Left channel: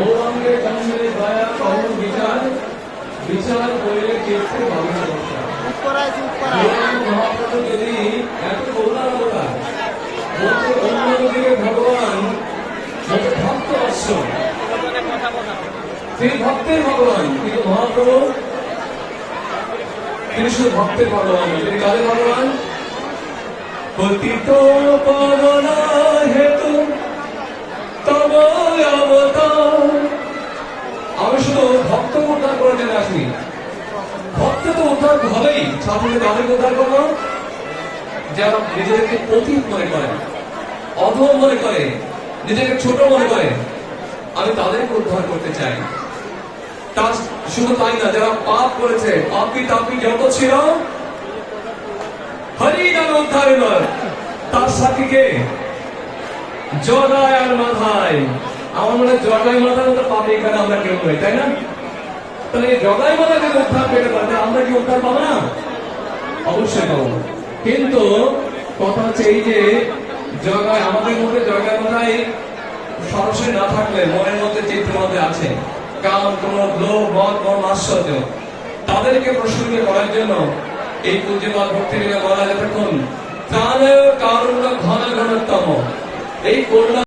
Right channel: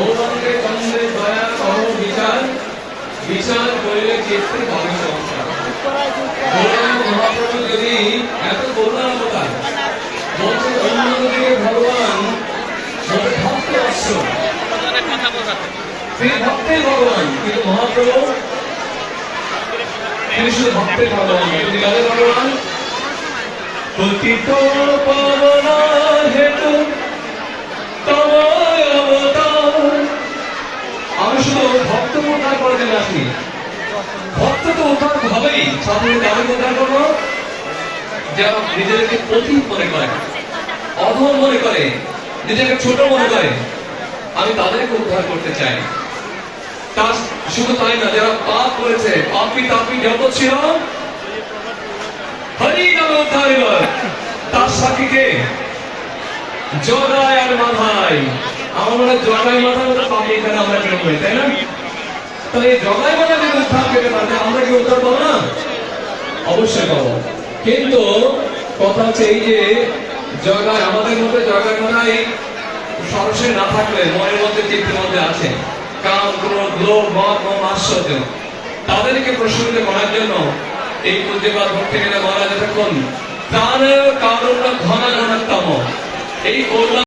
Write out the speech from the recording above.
গৌরাঙ্গে চন্দ্রে দয়া কহ বিচার, বিচার করিলে চিত্তে ভাবে সংসার। মহাপ্রভু যদি এত করুণার অবতার, বলছে অন্যদিকে ভগবান ভক্ত অশ্ব, তিনি ভক্তের ভগবান, কিন্তু মহাপ্রভু তিনি শুধু ভক্তের ভগবান, তিনি কাদের ভগবান? পতিত পাবনা হেতু তব অবতার। আমি শুধু ভক্ত উদ্ধার করে জন্য আসি, ভক্ত তো উদ্ধার হবেই, সাথে আমি উদ্ধার করবো যারা নিজেদেরকে পতিত মনে করে, অধম মনে করে, নিজেকে ছোট মনে করে, আমি তাদেরকে উদ্ধার করতে চাই। তার শুধু তাই না, যারা পাপ করেছে, পাপী তাপী যত ছিল, হরি নামে উদ্ধার এবার তার সাক্ষীকে জগায় আর মাথায়। আমার মনে হয় জগায় মাথায় পাপি এখানে আমরা বিরোধ হই, তাই না? তাহলে এই জগায় মাথায় যদি উদ্ধার পেতে পারে, আমরা কি উদ্ধার পাবো না? অবশ্যই পাবো। কিন্তু কথা হচ্ছে এই যে জগায়, আমাদের মধ্যে জগায় মাথায় সরসে না থাকলে মনের মধ্যে চিত্তের মধ্যে আছে কাম, ক্রোধ, লোভ, মদ, মম, আশ্চর্য, তাদেরকে প্রশমিত করার জন্য এই পূজ্যপাদ ভক্তি গেলে বলা যতক্ষণ প্রাণ কারণ ঘন ঘনতম এই